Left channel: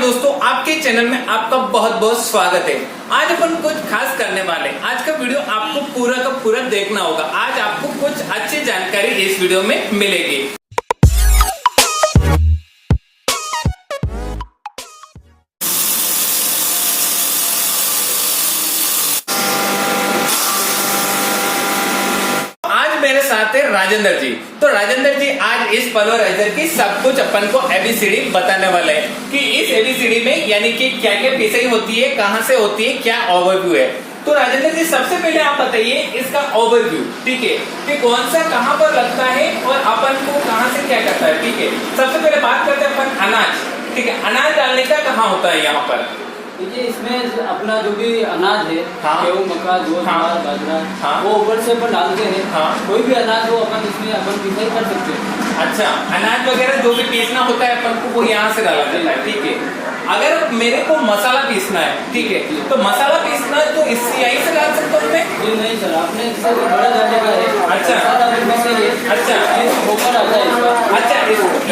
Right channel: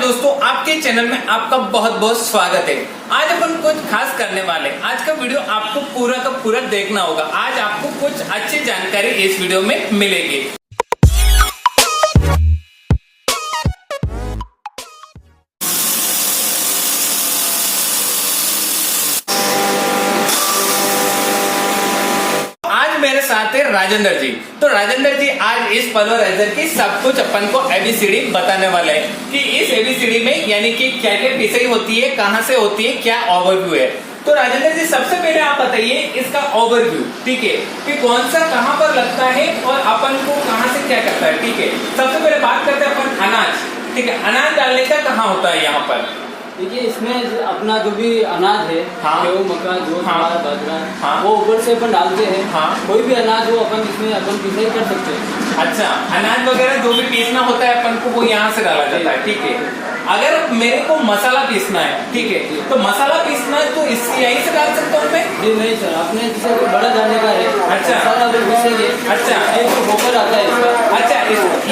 दोस्तों, आपके चैनल में आपका बहुत बहुत स्वागत है। आज अपन कुछ खास करने वाले हैं। आज का वीडियो आपको पूरा का पूरा देखना होगा। आज आपको कुछ अच्छी जानकारी इस वीडियो में मिलेगी। मेरे साथ है राजेंद्र जी। तो राजेंद्र जी आज इस पल्वराइजर की सब कुछ अपन को एबीसीडी बताने वाले हैं कि इस एबीसीडी में यानी कि क्या क्या पिसाई होती है, कहाँ से होती है, क्या ओवरव्यू है। तो राजेंद्र जी सबसे पहले आप बताइए इसका ओवरव्यू, ठीक है, कि कौन सा कहाँ पर लगता है और अपन को कहाँ से क्या करता है। ठीक है, सबसे पहले बात करते हैं अपन अनाज। ठीक है, अनाज डालने का कहाँ होता है यहाँ पर। देखिए इसमें अपना जो भी अनाज है, गेहूँ, मक्का, ज्वार, बाजरा, वो ऊपर से अपन डालते हैं। कोई भी अनाज हो अपन इसमें अपन पिसाई कर सकते हैं। अच्छा, अनाज वगैरह जो भी पीसना होता है अपन को वो यहाँ से डाला जाता है। ठीक है, अगर मेरे को मसाला पीसना है, ठीक है, तो मसाला पीसना है तो इससे यहीं से डाल सकता हूँ मैं। जी नहीं सर, आपने जिसे बड़ा डालने का है। अच्छा, अच्छा, ये ऊपर आता है। अच्छा,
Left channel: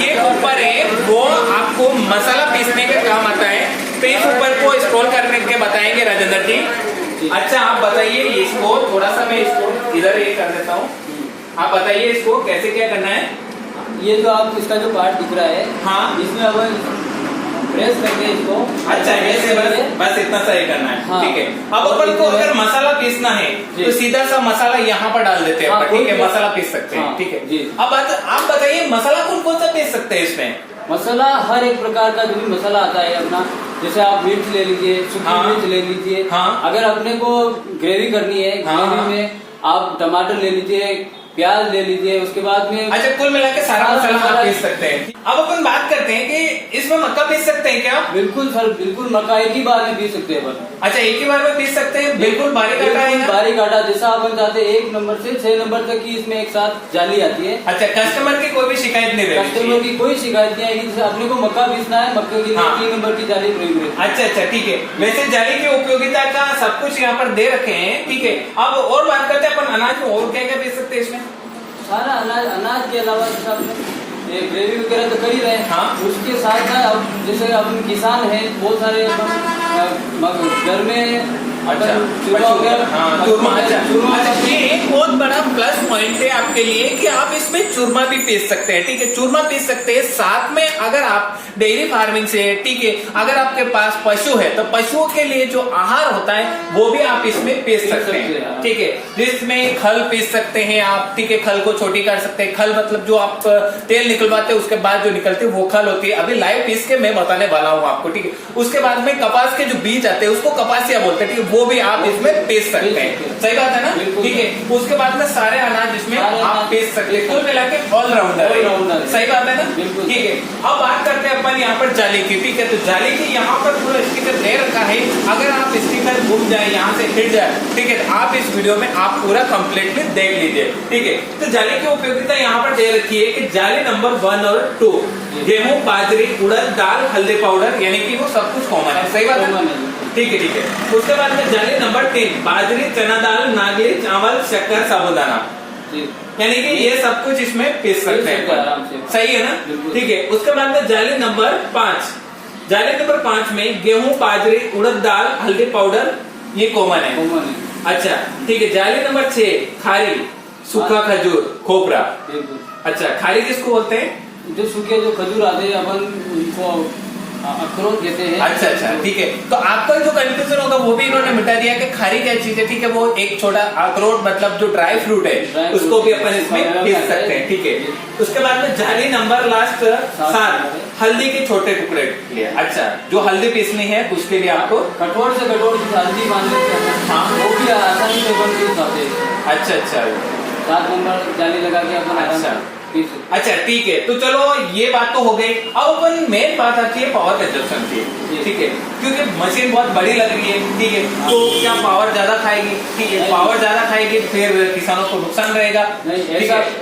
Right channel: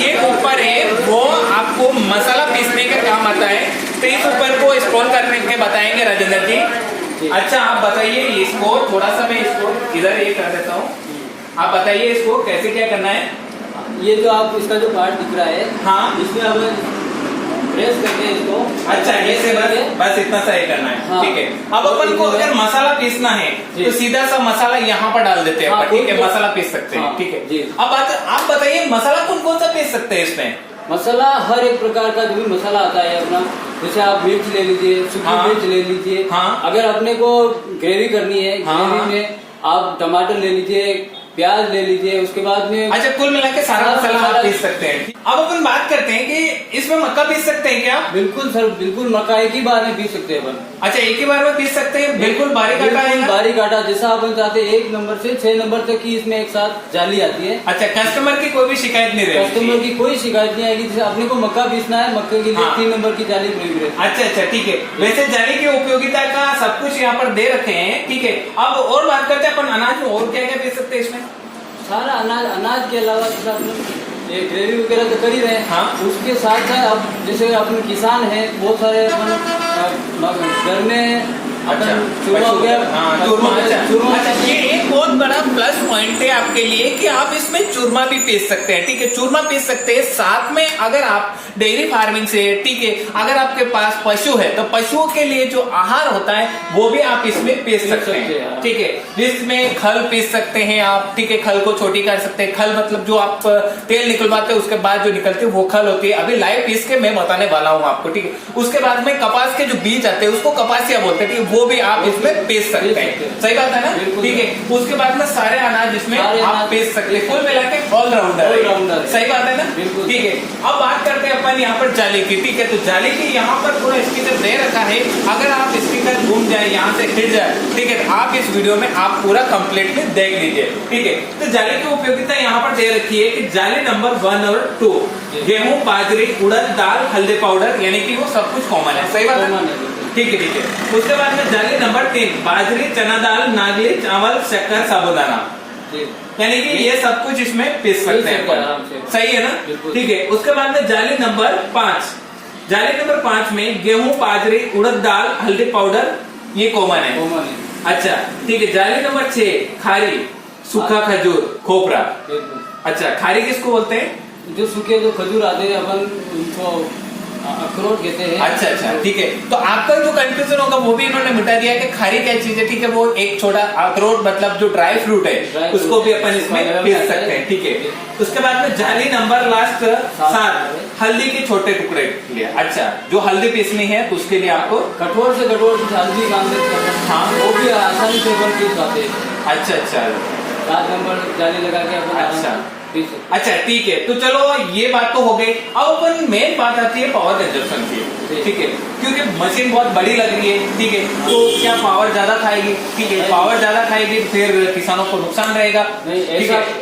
ये ऊपर है वो आपको मसाला पीसने के काम आता है। तो इस ऊपर को स्क्रॉल करके बताएंगे राजेंद्र जी। अच्छा, आप बताइए इसको थोड़ा सा, मैं इसको इधर ये कर देता हूँ। आप बताइए इसको कैसे क्या करना है। ये तो आप इसका जो पार्ट दिख रहा है, हाँ, इसमें अब प्रेस करके इसको। अच्छा, ऐसे बस इतना सा ही करना है। हाँ, ठीक है, अब अपन को अगर मसाला पीसना है तो सीधा सा मसाला यहाँ पर डाल देते हैं। हाँ, ठीक है, मसाला पीस सकते हैं। ठीक है, अब आप बताइए मसाला कौन कौन सा पीस सकते हैं इसमें। मसाला हर एक प्रकार का जो भी मसाला आता है अपना, जैसे आप मिर्च ले लीजिए, सूखी मिर्च ले लीजिए। अगर अपने को ग्रेवी करनी है, ग्रेवी में आप टमाटर ले लीजिए, प्याज ले लीजिए, उसके बाद में। अच्छा, कुल मिला के सारा मसाला पीस सकते हैं। अब अपन बात करते हैं कि इसमें मक्का पीस सकते हैं क्या। बिल्कुल सर, बिल्कुल मक्का एक ही बार में पीस सकते हैं अपन। अच्छा, एक ही बार में पीस सकते हैं, बिल्कुल बारीक आटा। बारीक आटा जैसा अपन चाहते हैं, 1 नंबर से 6 नंबर तक की इसमें एक साथ जाली आती है। अच्छा, कस्टमर की कोई भी शिकायत नहीं रहेगी। कस्टमर की कोई शिकायत नहीं आएगी। जैसे अपने को मक्का पीसना है, मक्के के लिए 3 नंबर की जाली प्रयोग है। अच्छा, ठीक है। वैसे जाली की उपयोगिता का सब कुछ यहाँ पर दे रखे हैं। ठीक है, अब और बात करते हैं अपन अनाज में और क्या क्या पीस सकते हैं इसमें। सारा अनाज के अलावा जैसे अपन ये ग्रेवी वगैरह तो कर ही रहे हैं। हाँ, उसके साथ साथ अब जैसे अपन किसान हैं, बहुत सारे अपन घर में चूरमा हो गया। अच्छा, ये एक बहुत बड़ा प्लस पॉइंट है आपके लिए कि आप इसमें चूरमा भी पीस सकते हैं। ठीक है, चूरमा पीस सकते हैं। साथ में अगर आप डेयरी फार्मिंग से, ठीक है, अगर आपके पास पशु है तो पशुओं के लिए जो आहार होता है वो भी आप इसमें पीस सकते हैं। ठीक है, जिसमें खल पीस सकते हैं आप। ठीक है, खल को छोटी कर सकते हैं। खल मतलब जो आप तेल निकलवाते हैं उसके बाद जो निकलती है वो खल होती है। अभी लाइव पीस के मैं बताने वाला हूँ आपको। ठीक है, उसके बाद में कपास के जो बीज आते हैं उसको कपासिया बोलते हैं। ठीक है, वो भी आप इसमें पीस सकते हैं। सही बात है ना। ठीक है, उसके बाद में सारे अनाज इसमें आप पीस सकते हैं। कुल मिला के ऑलराउंडर। सही बात है ना। ठीक है, अब बात करते हैं अपन यहाँ पर जाली की। ठीक है, तो जाली की यहाँ पर पूरा स्टिकर दे रखा है। अगर आप स्टिकर घूम जाए, यहाँ से हिट जाए, ठीक है, आप इस वीडियो में आप पूरा कंप्लीटली देख लीजिए। ठीक है, तो जाली की उपयोगिता यहाँ पर दे रखी है कि जाली नंबर 1 और 2 गेहूं, बाजरी, उड़द दाल, हल्दी पाउडर, यानी कि वो सब कुछ कॉमन है। सही बात है। ठीक है, ठीक है। उसके बाद में जाली नंबर 3 बाजरी, चना दाल, नागली, चावल, शक्कर, साबुदाना, यानी कि ये सब कुछ इसमें पीस सकते हैं। सही है ना। ठीक है, उसके बाद में जाली नंबर 5, जाली नंबर 5 में गेहूं, बाजरी, उड़द दाल, हल्दी पाउडर, ये कॉमन है। अच्छा, ठीक है। जाली नंबर 6 खारी, सूखा खजूर, खोपरा। अच्छा, खारी किसको बोलते हैं। जो सूखे जो खजूर आते हैं अपन उनको अखरोट कहते हैं। अच्छा, ठीक है। तो आपका जो कंफ्यूजन होगा वो भी इन्होंने मिटा दिया कि खारी क्या चीज है। ठीक है, वो एक छोटा अखरोट मतलब जो ड्राई फ्रूट है उसको भी अपन इसमें पीस सकते हैं। ठीक है, उसके बाद में जाली नंबर लास्ट 7 हल्दी के छोटे टुकड़े के लिए। अच्छा, जो हल्दी पीसनी है उसके लिए आपको कठोर से कठोर हल्दी मान लेते हैं। हाँ, वो भी आसानी से बन पीस आते हैं। अच्छा, 7 नंबर जाली लगा के अपन। अच्छा, ठीक है। तो चलो ये बात तो हो गई। अब अपन मेन बात आती है पावर कंजप्शन की। ठीक है, क्योंकि मशीन बहुत बड़ी लग रही है। ठीक है, तो क्या पावर ज्यादा खाएगी। ठीक है, पावर ज्यादा खाएगी फिर किसानों को नुकसान रहेगा। नहीं,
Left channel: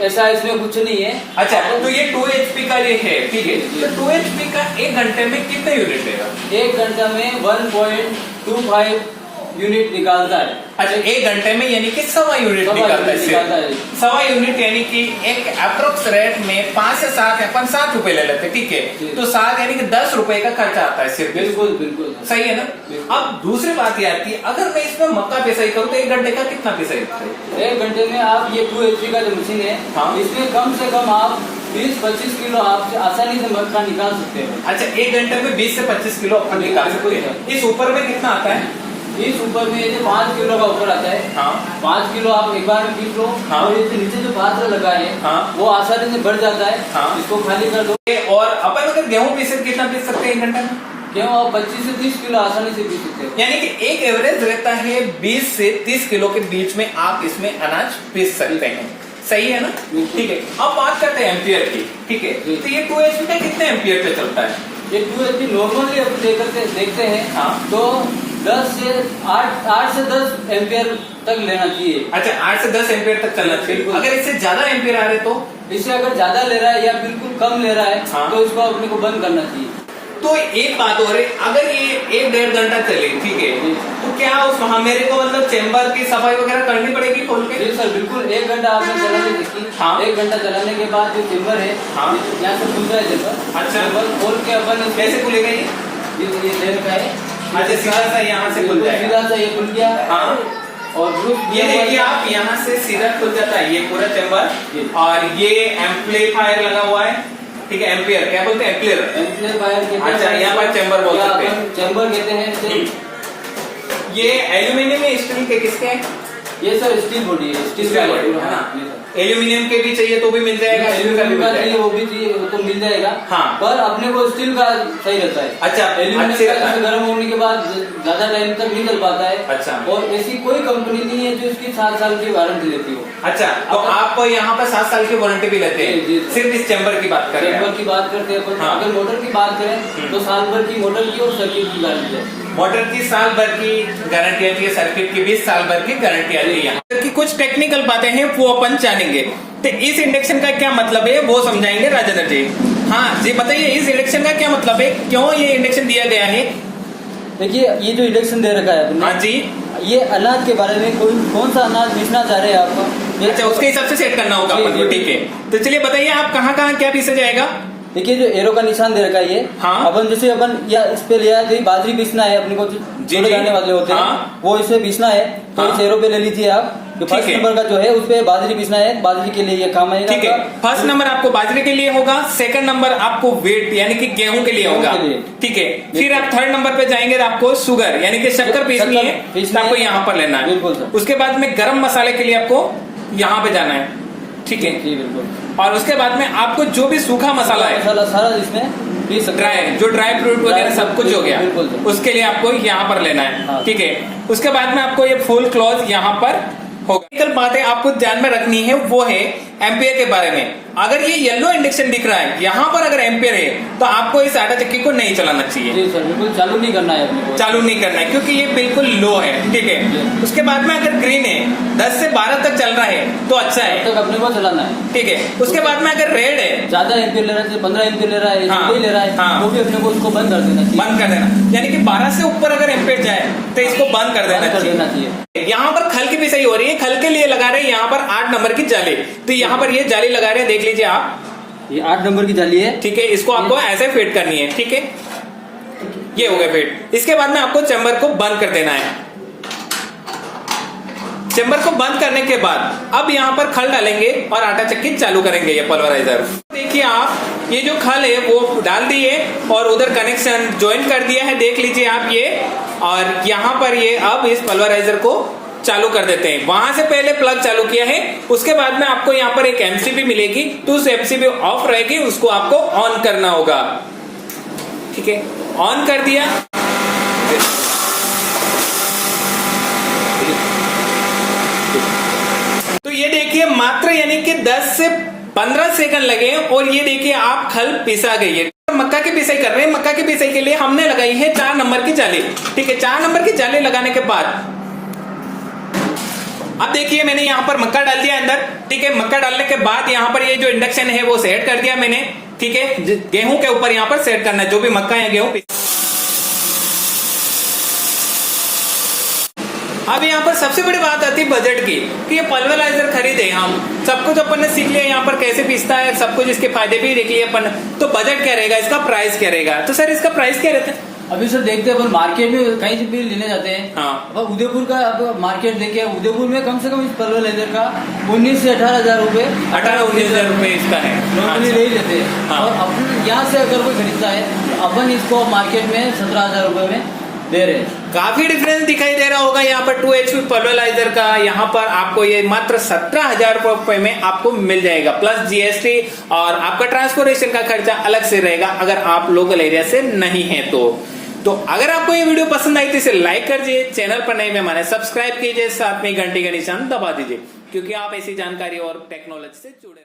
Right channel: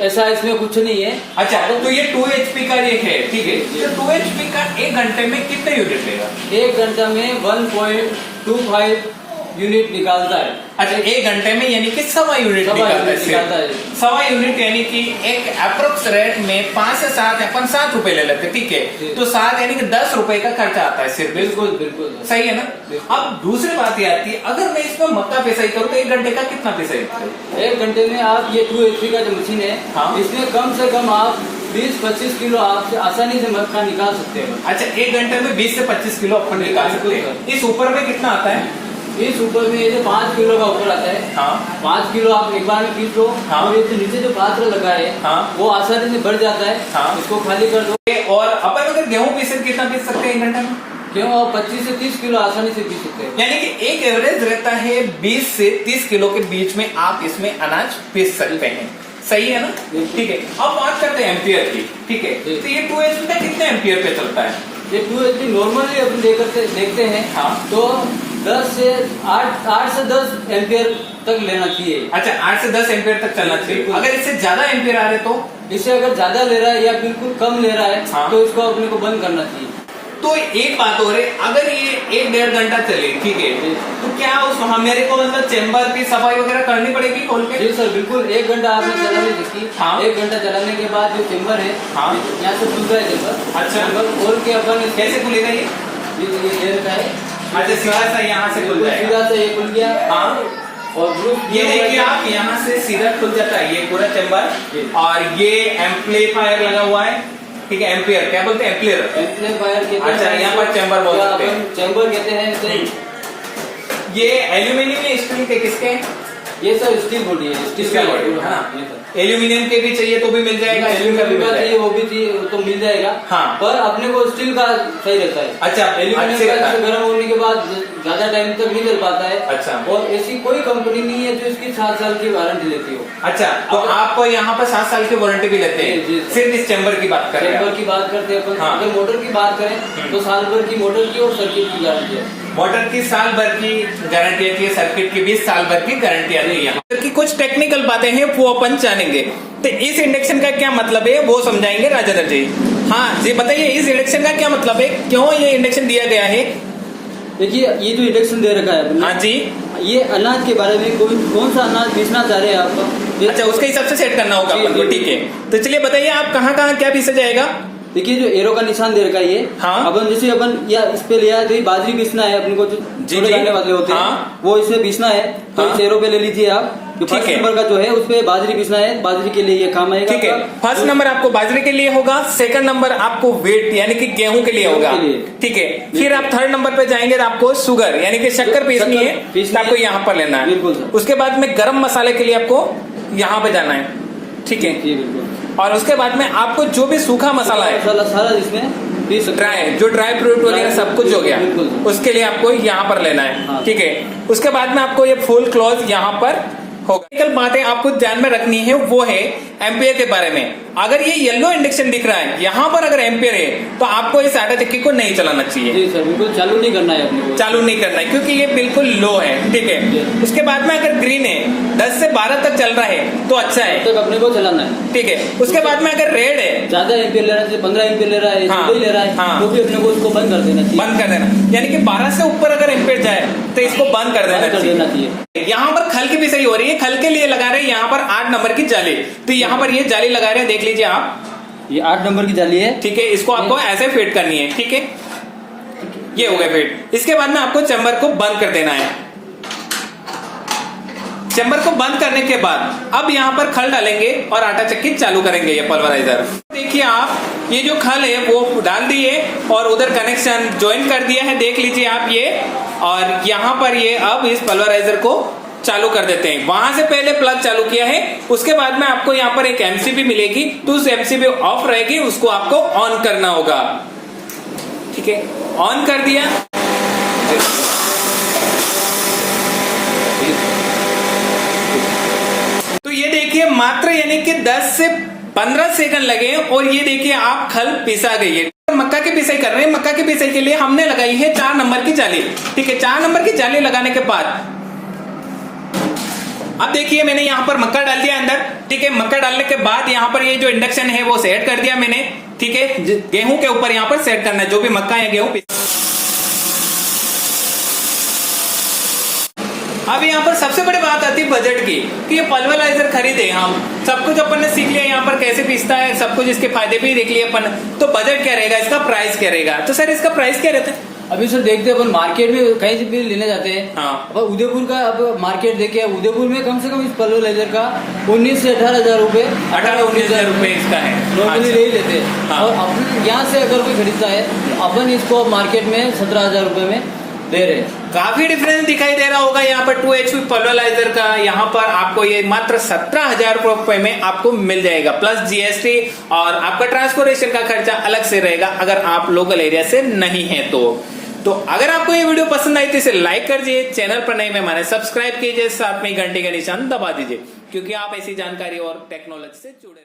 ऐसा इसमें कुछ नहीं है। अच्छा, तो ये 2 HP का ये है। ठीक है, तो 2 HP का 1 घंटे में कितने यूनिट लेगा। 1 घंटा में 1.25 यूनिट निकालता है। अच्छा, 1 घंटे में यानी कि 1.25 यूनिट निकालता है। 1.25 यूनिट यानी कि एक अप्रोक्स रेट में 5 से 7 अपन 7 रुपए ले लेते हैं, ठीक है। तो 7 यानी कि 10 रुपए का खर्चा आता है सिर्फ। बिल्कुल बिल्कुल सही है ना। अब दूसरी बात ये आती है, अगर मैं इसमें मक्का पिसाई करूँ तो 1 घंटे का कितना पिसाई होता है? 1 घंटे में आप ये 2 HP का जो मशीन है, हाँ। इसमें कम से कम आप 20-25 किलो आप आसानी से मक्का निकाल सकते हैं। अच्छा, 1 घंटे में 20 से 25 किलो अपन निकाल सकते हैं। इस ऊपर में कितना आता है? इस ऊपर में ये जो 5 किलो का ऊपर आता है, हाँ। 5 किलो आप एक बार में पीस लो, हाँ। और ये नीचे जो पात्र लगा है, हाँ। वो आसानी से बढ़ जाता है, हाँ। इसको खाली कर दो। और अपन अगर गेहूं पीसे कितना पीस सकते हैं 1 घंटे में? क्यों आप 25 से 30 किलो आसानी से पीस सकते हैं। यानी कि एक एवरेज रहता है 20 से 30 किलो के बीच में आप इसमें अनाज पीस सकते हैं। सही है ना। ठीक है, अब बात करते हैं एम्पियर की। ठीक है, तो ये 2 HP का कितने एम्पियर पे चलता है? ये 2 HP नॉर्मली अपन देखते हैं, हाँ। तो 8 से 10 एम्पियर तक लेना चाहिए। अच्छा, 8 से 10 एम्पियर तक चलना चाहिए। अगर इससे ज्यादा एम्पियर आ रहे तो? इससे अगर ज्यादा ले रहा है या बिल्कुल कम ले रहा है, हाँ। तो इसको अपने को बंद करना चाहिए। तो एक बात और है, अगर ये 1-1.5 घंटा चले, ठीक है, तो क्या उस मेरे को मतलब चेम्बर की सफाई वगैरह करनी पड़ेगी खोल के? जी सर, बिल्कुल। 1 घंटा आपने चलाने देखी, हाँ। 1 घंटा चलाने के बाद जो चेम्बर है, हाँ। यहाँ से खुलता है जैसा। अच्छा। चेम्बर खोल के अपन कैसे खुलेगा ये? ये देर का है। अच्छा, सीधा सा यहाँ से खुल जाएगा। सीधा सा ये खुल गया। हाँ। और ग्रुप ये देखिए आप, यहाँ से सीधा खुल जाता है ये पूरा चेम्बर, और ये एम्पलीफायर लगा हुआ है। ठीक है, एम्पियर क्या बोलते हैं? एम्पियर एम्पलीफायर कहते हैं। अच्छा, यहाँ पर चेम्बर बोल सकते हैं। चेम्बर कहते हैं। ये एल्यूमिनियम या स्टील के किसके हैं? ये सर स्टील बॉडी है। स्टील बॉडी है ना। एल्यूमिनियम के भी चाहिए तो भी मिल जाएगा, एल्यूमिनियम का चाहिए वो भी चाहिए तो मिल जाएगा। हाँ। पर अपने को स्टील का सही रहता है। अच्छा, एल्यूमिनियम का गर्म होने के बाद ज्यादा टाइम तक नहीं चल पाता है। अच्छा। और ऐसी कोई कंपनी नहीं है जो इसकी 7 साल की वारंटी लेती हो। अच्छा, तो आप यहाँ पर 7 साल की वारंटी भी लेते जी, जी। हैं? सिर्फ इस चेम्बर की बात करें? चेम्बर की बात करते हैं अपन। हाँ। अगर मोटर की बात करें तो साल भर की मोटर की और सर्किट की गारंटी है। मोटर की साल भर की गारंटी आती है, सर्किट की भी साल भर की गारंटी आती है। मोटर की कुछ टेक्निकल बातें हैं वो अपन जानेंगे। तो इस इंडक्शन का क्या मतलब है वो समझाएंगे राजेंद्र जी। हाँ जी, बताइए इस इंडक्शन का क्या मतलब है, क्यों ये इंडक्शन दिया गया है? देखिए, ये जो इंडक्शन दे रखा है हाँ जी, ये अनाज के बारे में कौन सा अनाज बेचना चाह रहे हैं आप? अच्छा, उसके हिसाब से सेट करना होगा अपन को। ठीक है, तो चलिए बताइए आप कहाँ क्या पीसा जाएगा? देखिए, जो एरो का निशान दे रखा है ये, हाँ। अपन जैसे अपन या इस पे लिया है, बाजरी पीसना है अपने को, जो जोड़े जाने वाले होते हैं, हाँ। वो इसमें पीसना है, तो हाँ। इस एरो पे ले लीजिए आप। जो फर्स्ट नंबर का जो है उस पे बाजरी पीसना है, बाजरी के लिए ये काम आएगा। ठीक है, फर्स्ट नंबर आपको बाजरे के लिए होगा, सेकंड नंबर आपको वेट यानी कि गेहूं के लिए होगा। ठीक है, फिर आप थर्ड नंबर पे जाएंगे तो आपको शुगर यानी कि शक्कर पीसनी है, तो आपको यहाँ पर लेना है। उसके बाद में गरम मसाले के लिए आपको यहाँ पे जाना है। ठीक है, और उसके बाद में आपको जो भी सूखा मसाला है, सारा इसमें ड्राई फ्रूट वगैरह सब कुछ हो गया, उसके लिए आपको यहाँ पर लेना है। ठीक है, उसके बाद में आपको ये फुल क्लॉथ यहाँ पर होगा। टेक्निकल बातें आपको ध्यान में रखनी है वो है एम्पियर के बारे में। अगर ये येलो इंडक्शन दिख रहा है, यहाँ पर अगर एम्पियर है तो आपको इस आटा चक्की को नहीं चलाना चाहिए। जी सर, बिल्कुल चालू नहीं करना है अपने को, चालू नहीं करना है क्योंकि ये बिल्कुल लो है। ठीक है, उसके बाद में अगर ग्रीन है 10 से 12 तक चल रहा है तो अच्छा है, तब अपने को चलाना है। ठीक है, उसके बाद में अगर रेड है, ज्यादा एम्पियर ले रहा है, 15 एम्पियर ले रहा है, हाँ, ले रहा है, हाँ, तो भी अपने को उसको बंद कर देना चाहिए। बंद कर देना, यानी कि 12 से ऊपर अगर एम्पियर जाए तो इसको बंद कर देना चाहिए। यहाँ पर खल की भी सही हो रही है, खल के लिए लगा रहे हैं यहाँ पर 8 नंबर की जाली, तो यहाँ पर ये जाली लगा रहे हैं, देख लीजिए आप, ये 8 नंबर की जाली है। ठीक है, इसको आपको ऐसे फिट करनी है। ठीक है, ये हो गया फिट। इसके बाद में आपको चेम्बर को बंद कर देना है। चेम्बर को बंद करने के बाद अब यहाँ पर खल डालेंगे और आटा चक्की चालू करेंगे, ये पल्वराइजर। देखिए आप, ये जो खल है वो डाल दिए और उधर कनेक्शन ज्वाइन कर दिया है, देख लीजिए आप ये, और यहाँ पर ये अब इस पल्वराइजर को चालू कर देते हैं। वहां से पहले प्लग चालू किया है, उसके बाद में आपको यहाँ पर एक एमसीबी मिलेगी, तो उस एमसीबी ऑफ रहेगी, उसको आपको ऑन करना होगा। ठीक है, ऑन कर दिया, तो ये देखिए मात्र यानी कि 10 से 15 सेकंड लगे और ये देखिए आप खल पिसा गई है। मक्का की पिसाई कर रहे हैं, मक्का की पिसाई के लिए हमने लगाई है 4 नंबर की जाली। ठीक है, 4 नंबर की जाली लगाने के बाद अब देखिए मैंने यहाँ पर मक्का डाल दिया अंदर। ठीक है, मक्का डालने के बाद यहाँ पर ये जो इंडक्शन है वो सेट कर दिया मैंने। ठीक है, गेहूं के ऊपर यहाँ पर सेट करना है, जो भी मक्का या गेहूं। अब यहाँ पर सबसे बड़ी बात आती है बजट की, कि ये पल्वराइजर खरीदे हम, सब कुछ अपन ने सीख लिया यहाँ पर कैसे पीसता है, सब कुछ इसके फायदे भी देख लिए अपन, तो बजट क्या रहेगा, इसका प्राइस क्या रहेगा। तो सर इसका प्राइस क्या रहता है? अभी सर देखते हैं अपन मार्केट में कहीं से भी लेने जाते हैं। हाँ। अब उदयपुर का अब मार्केट देखे, उदयपुर में कम से कम इस पल्वराइजर का 19 से 18,000 रूपए, 18-19,000 रूपए इसका है नॉर्मली अच्छा। नहीं लेते हैं। हाँ। और अपन यहाँ से अगर कोई खरीदता है तो अपन इसको मार्केट में 17,000 रूपये में दे रहे हैं। काफी डिफरेंस दिखाई दे रहा होगा यहाँ पर 2 HP पल्वराइजर का, यहाँ पर आपको ये मात्र 17,000 रूपये में आपको मिल जाएगा, प्लस GST और आपका ट्रांसपोर्टेशन का खर्चा अलग से रहेगा अगर आप लोकल एरिया से नहीं है तो अगर आपको ये वीडियो पसंद आई तो इसे लाइक कर दीजिए, चैनल पर नए मेहमान सब्सक्राइब कीजिए, साथ में घंटी का निशान दबा दीजिए, क्योंकि आप ऐसी जानकारी और टेक्नोलॉजी से जुड़े रहे।